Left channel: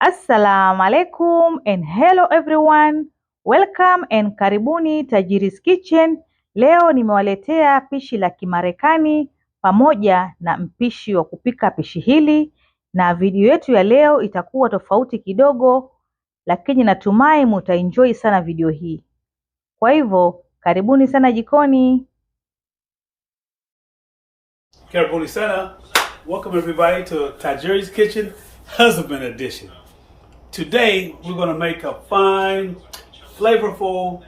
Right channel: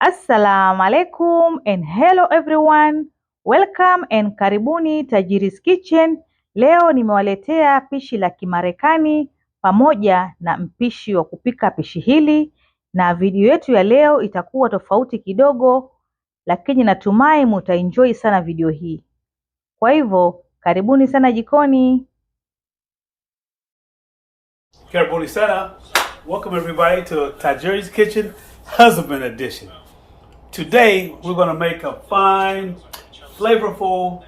Assalamu alaikum and hello everyone. Welcome and karibuni Tajiri's Kitchen. Leo nimewaletea pishi la Kimarekani pamoja na mpishi wa kupika pishi hili, na video yetu ya leo itakuwa tofauti kidogo, lakini natumai mutaenjoy sana video hii. Kwa hivyo karibuni sana jikoni. Karibuni sana. Welcome everybody to Tajiri's Kitchen Husband Edition. Today we're going to make a fine, flavorful,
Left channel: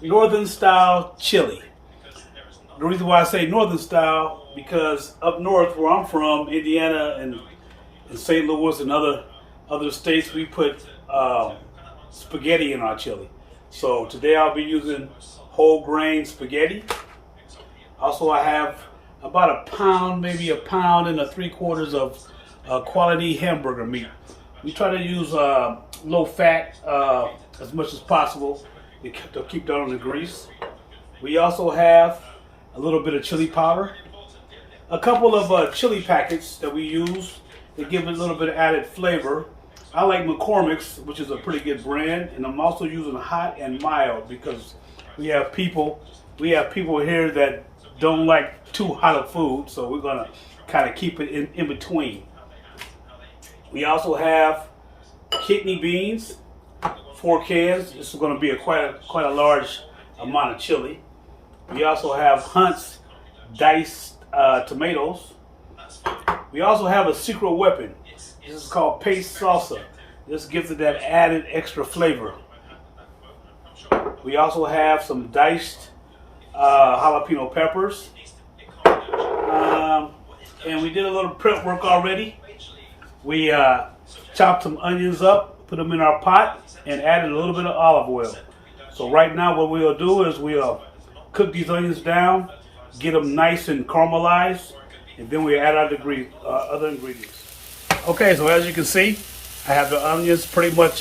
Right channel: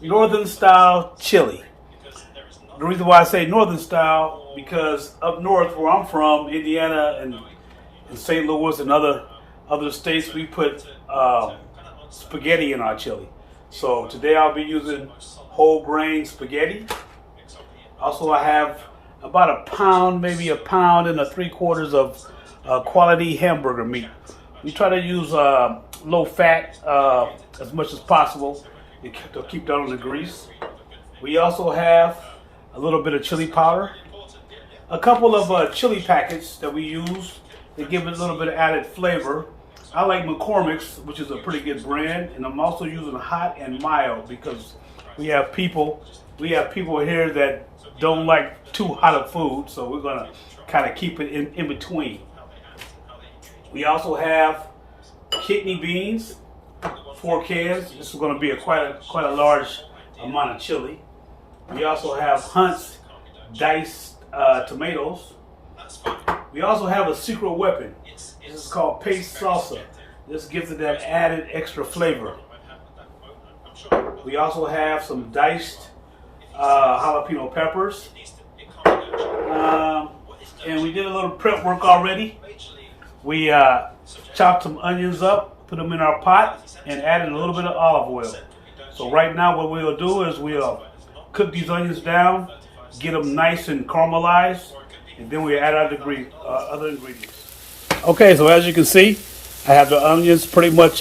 northern style chili. The reason why I say northern style, because up north where I'm from, Indiana and St. Louis and other states, we put spaghetti in our chili. So today I'll be using whole grain spaghetti. Also I have about a pound, maybe a pound and 3/4 of quality hamburger meat. We try to use low fat as much as possible to keep down on the grease. We also have a little bit of chili powder, a couple of chili packets that we use to give it a little bit of added flavor. I like McCormick's, which is a pretty good brand, and I'm also using hot and mild because we have people here that don't like too hot of food, so we're gonna kind of keep it in between. We also have kidney beans, 4 cans. This is going to be quite a large amount of chili. We also have Hunt's diced tomatoes. We also have a secret weapon. This is called paste salsa. This gives it that added extra flavor. We also have some diced jalapeno peppers. And we did a little prep work already. We chopped some onions up, put them in our pot, and added a little bit of olive oil. So right now what we'll do is we'll cook these onions down, get them nice and caramelized, and then we add our other ingredients. Okay, so as you can see, I have the onions pretty much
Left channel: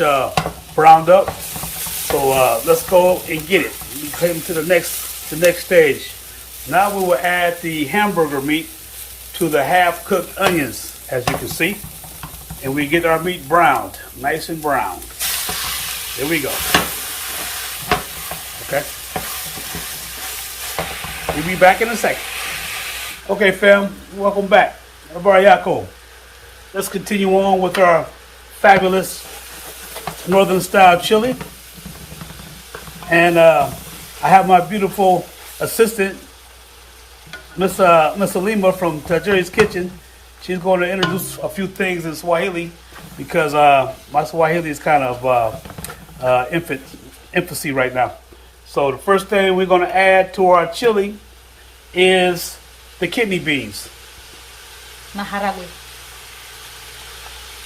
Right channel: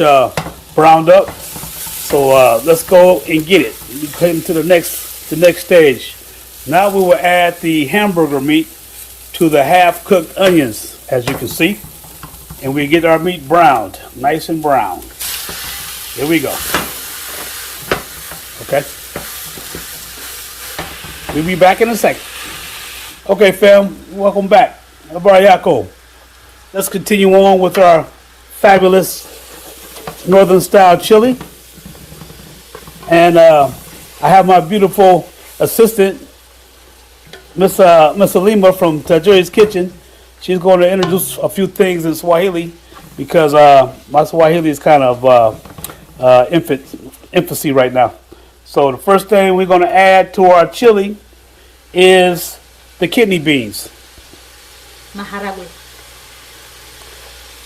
browned up. So let's go and get it. We came to the next stage. Now we will add the hamburger meat to the half-cooked onions, as you can see. And we get our meat browned, nice and brown. Here we go. Okay. We'll be back in a second. Okay, fam, welcome back. Let's continue on with our fabulous northern style chili. And I have my beautiful assistant, Miss Alima from Tajiri's Kitchen. She's going to introduce a few things in Swahili because my Swahili is kind of infancy right now. So the first thing we're going to add to our chili is the kidney beans. Maharagwe.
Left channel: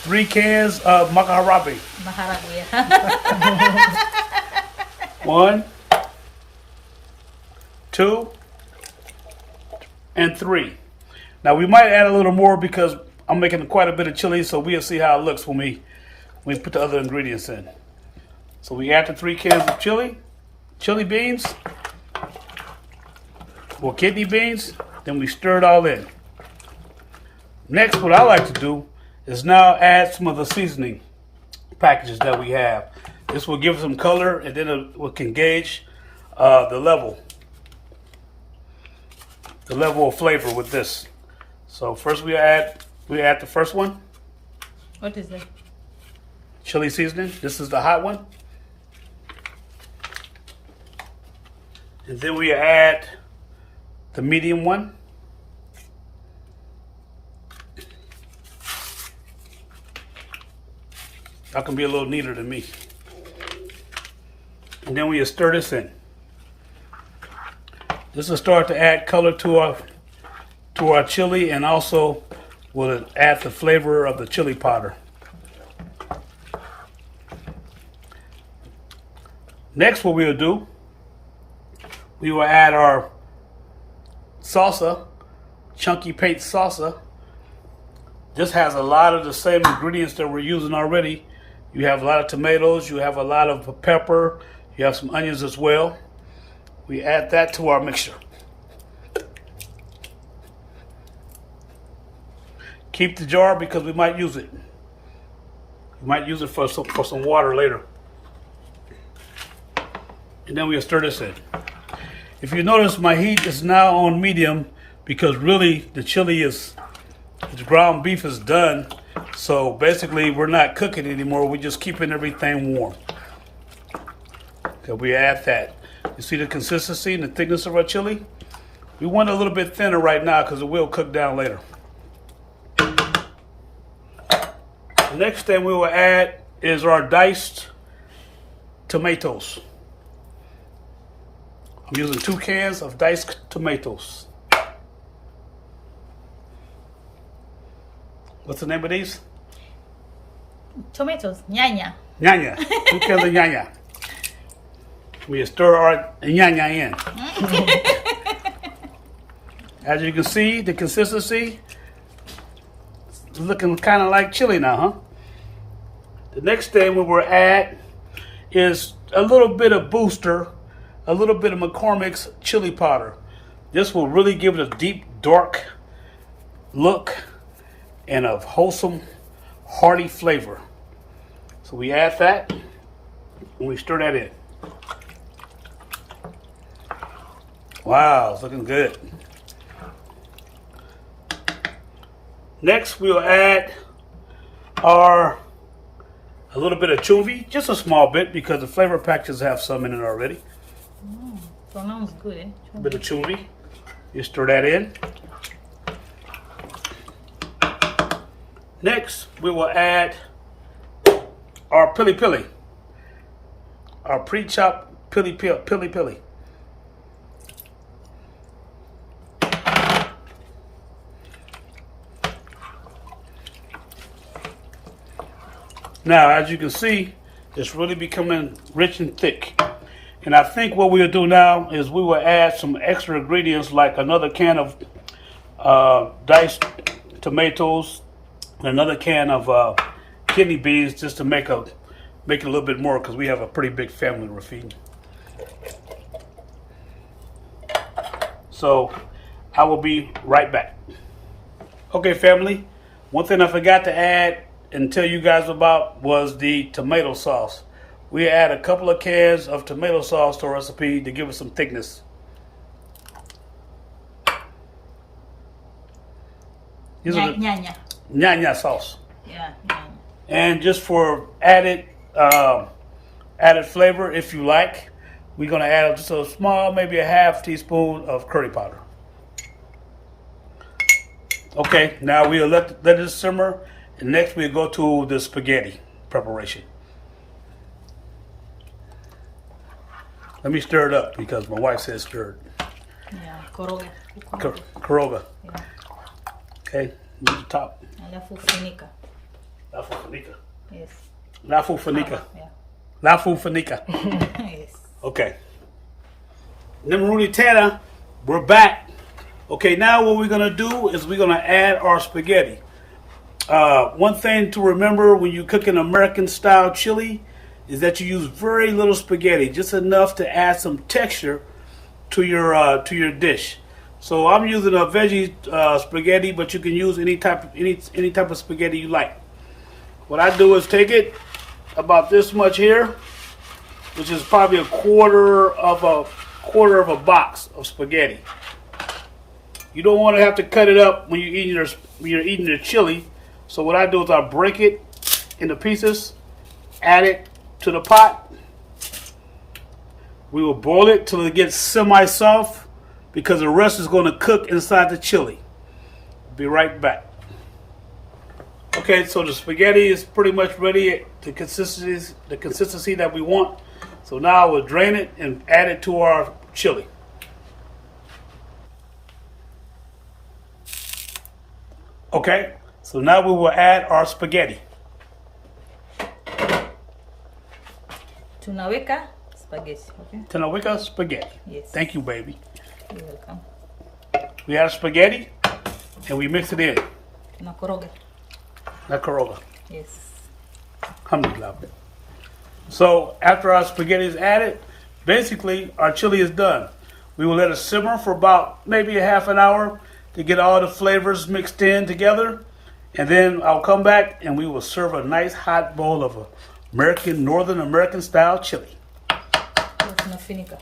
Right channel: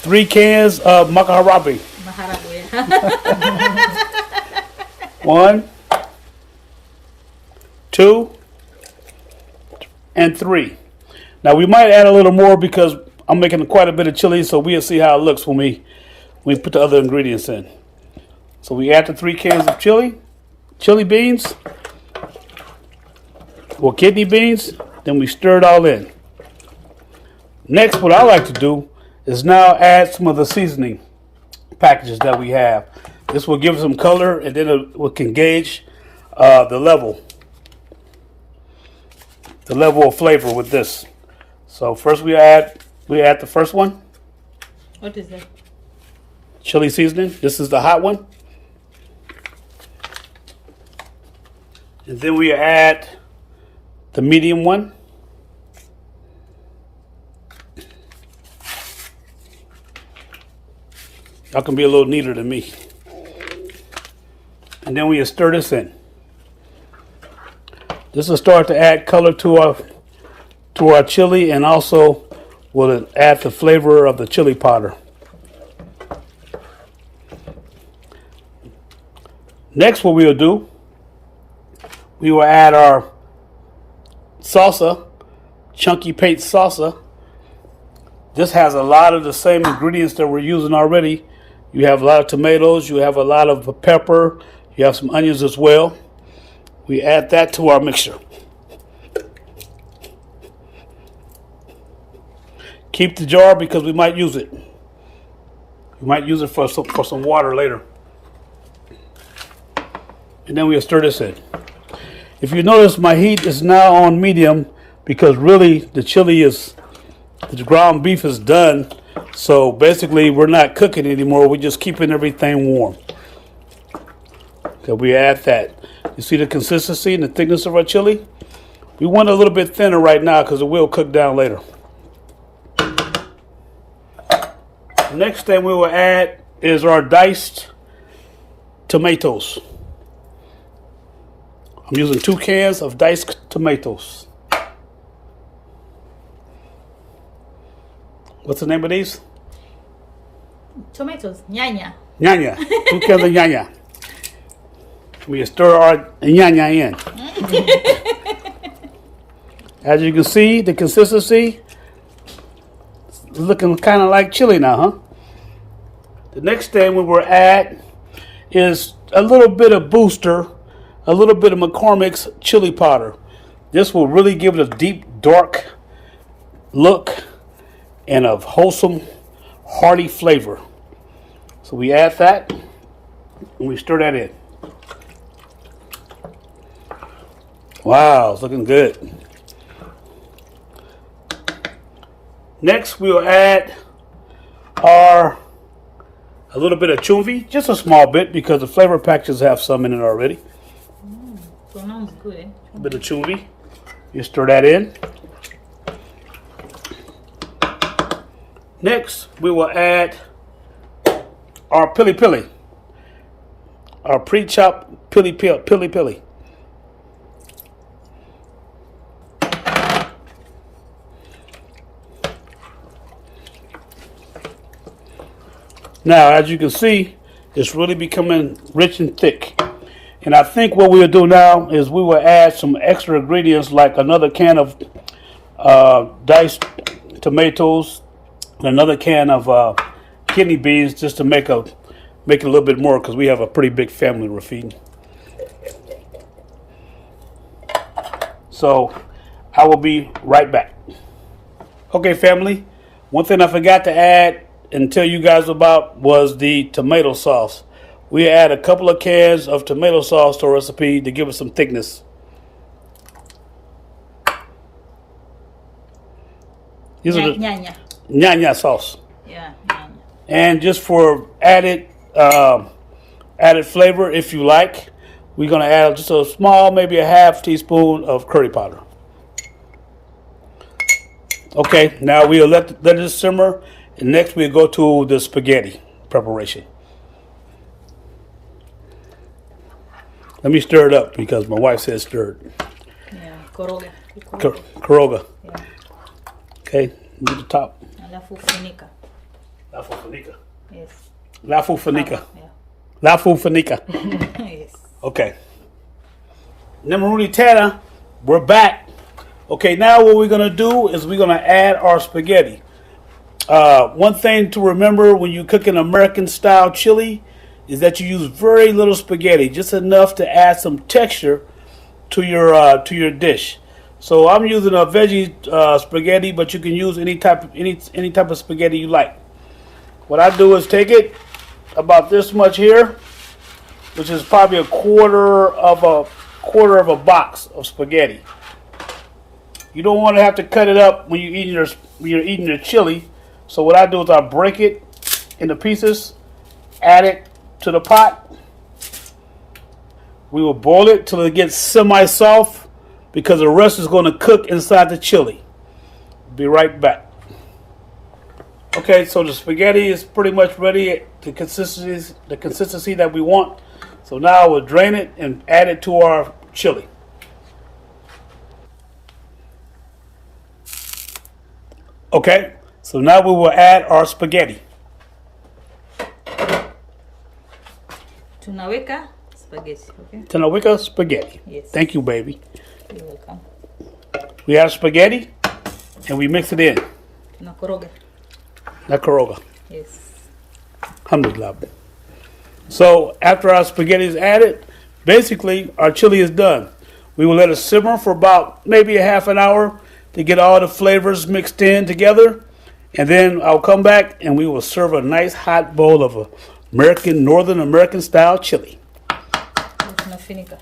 3 cans of maharagwe. Maharagwe. 1, 2, and 3. Now we might add a little more because I'm making quite a bit of chili, so we'll see how it looks when we put the other ingredients in. So we add the 3 cans of chili beans, or kidney beans, then we stir it all in. Next, what I like to do is now add some of the seasoning packages that we have. This will give some color, and then we can gauge the level of flavor with this. So first we add the first one. What is that? Chili seasoning. This is the hot one. And then we add the medium one. Y'all can be a little neater than me. And then we stir this in. This will start to add color to our chili, and also will add the flavor of the chili powder. Next, what we'll do, we will add our salsa, chunky paste salsa. This has a lot of the same ingredients that we're using already. You have a lot of tomatoes, you have a lot of pepper, you have some onions as well. We add that to our mixture. Keep the jar because we might use it. You might use it for some water later. And then we'll stir this in. If you notice, my heat is now on medium because really the chili the ground beef is done. So basically we're not cooking anymore. We're just keeping everything warm. Okay, we add that. You see the consistency and the thickness of our chili? We want it a little bit thinner right now because it will cook down later. The next thing we will add is our diced tomatoes. I'm using 2 cans of diced tomatoes. What's the name of these? Tomatoes, ñaña. Ñaña. 2 cans of ñaña. We stir our ñaña in. As you can see, the consistency is looking kind of like chili now, huh? The next thing we will add is a little bit of booster, a little bit of McCormick's chili powder. This will really give it a deep, dark look and a wholesome, hearty flavor. So we add that and we stir that in. Wow, it's looking good. Next, we'll add a little bit of chumvi, just a small bit because the flavor packages have some in it already. Sounds good, eh? A bit of chumvi. You stir that in. Next, we will add our pili pili, our pre-chopped pili pili. Now, as you can see, it's really becoming rich and thick. And I think what we'll do now is we will add some extra ingredients like another can of diced tomatoes and another can of kidney beans just to make it a little bit more because we have a pretty big family we're feeding. So I will be right back. Okay, family, one thing I forgot to add and tell you guys about was the tomato sauce. We add a couple of cans of tomato sauce to our recipe to give it some thickness. Ñaña sauce. Yeah, ñaña. And just for added flavor, if you like, we're gonna add just a small, maybe a half teaspoon of curry powder. Okay, now we'll let it simmer. And next we'll go to the spaghetti preparation. Let me stir it up because my wife said stir it. Yeah, koroga. Koroga. Yeah. Okay, move the top. Alafu funika. Lafu funika. Yes. Lafu funika. Yeah. Lafu funika. Yes. Okay. Namaruni Tana, we're back. Okay, now what we're going to do is we're going to add our spaghetti. One thing to remember when you cook an American style chili is that you use very little spaghetti, just enough to add some texture to your dish. So I'm using a veggie spaghetti, but you can use any type of spaghetti you like. What I do is take it about this much here, which is probably a quarter of a box of spaghetti. You don't want to have to cut it up when you're eating your chili. So what I do is I break it into pieces, add it to the pot. We will boil it till it gets semi-soft because the rest is going to cook inside the chili. Be right back. Okay, so the spaghetti is pretty much ready, the consistency that we want. So now we'll drain it and add it to our chili. Okay. So now we will add our spaghetti. Tunaweka spaghetti, okay? Tunaweka spaghetti. Yes. Thank you, baby. You're welcome. We add spaghetti and we mix it in. Tunakoroga. Nakoroga. Yes. Alhamdulillah. So after our spaghetti is added, basically our chili is done. We will let it simmer for about maybe a half an hour to get all the flavors mixed in together. And then I'll come back and we will serve a nice hot bowl of Northern American style chili. Tunafinika.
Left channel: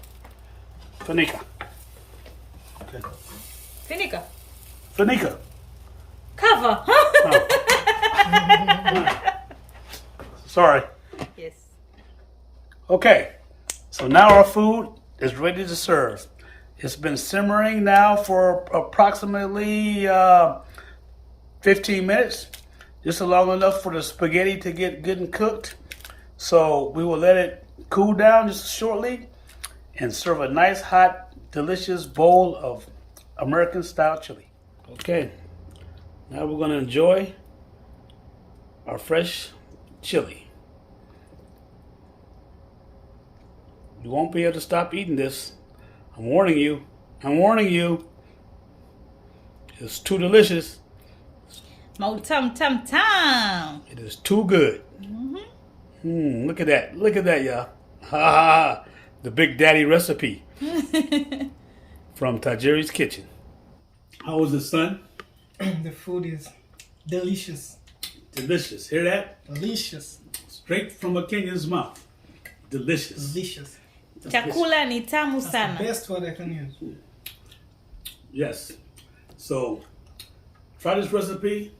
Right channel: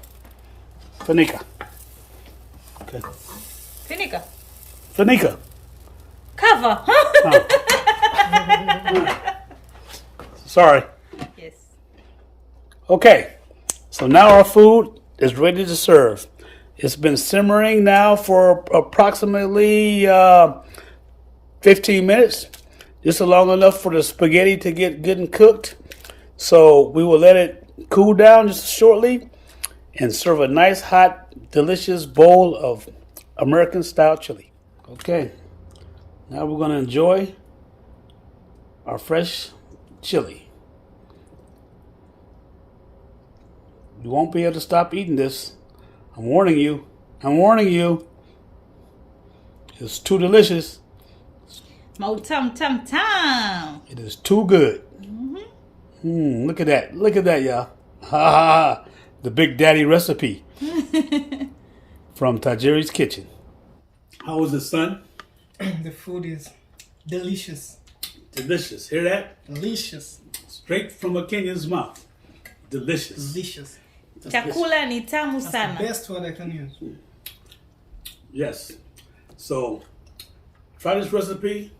Fanika. Okay. Finika. Fanika. Cover. Sorry. Yes. Okay. So now our food is ready to serve. It's been simmering now for approximately 15 minutes. Just long enough for the spaghetti to get good and cooked. So we will let it cool down just shortly and serve a nice, hot, delicious bowl of American style chili. Okay, now we're going to enjoy our fresh chili. You won't be able to stop eating this. I'm warning you. I'm warning you. It's too delicious. Mautam tam tam. It is too good. Look at that. Look at that, y'all. Ha ha ha. The Big Daddy recipe from Tajiri's kitchen. How was it, son? The food is delicious. Delicious. Hear that? Delicious. Straight from a Kenyan's mouth. Delicious. Delicious. Chakula ni tamu That's sana. the best word I can use. Yes. So, try this recipe.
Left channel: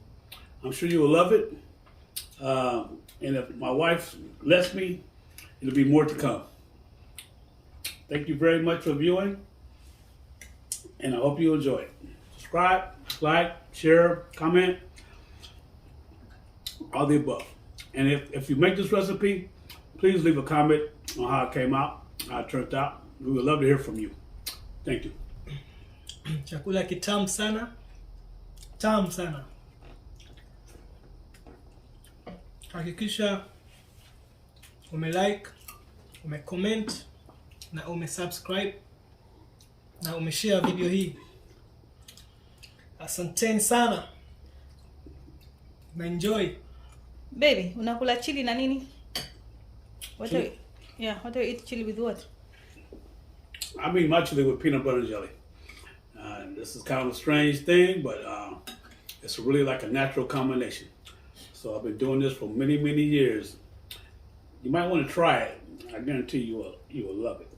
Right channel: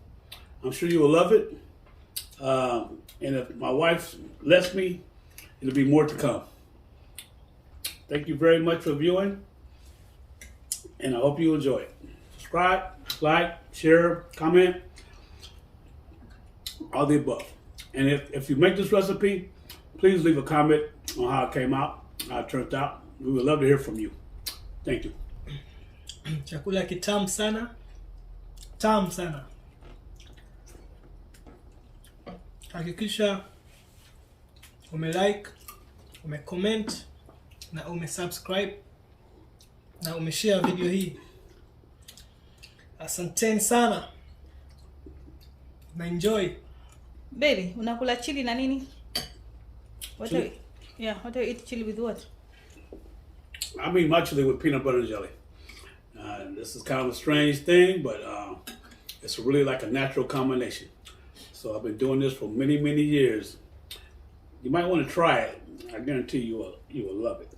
I'm sure you will love it. And if my wife lets me, it'll be more to come. Thank you very much for viewing. And I hope you enjoy it. Subscribe, like, share, comment, all the above. And if you make this recipe, please leave a comment on how it came out, how it turned out. We would love to hear from you. Thank you. Chakula kitamu sana. Tamu sana. Hakikisha umelike, umecomment na umesubscribe na umeshare video hii. Asanteni sana. Na enjoy. Baby, unakula chili na nini? What do you, what do you eat chili with what? I mean my chili with peanut butter and jelly. This is kind of a strange thing, but it's really like a natural combination. So I've been doing this for many, many years. You might want to try it. I guarantee you will love it.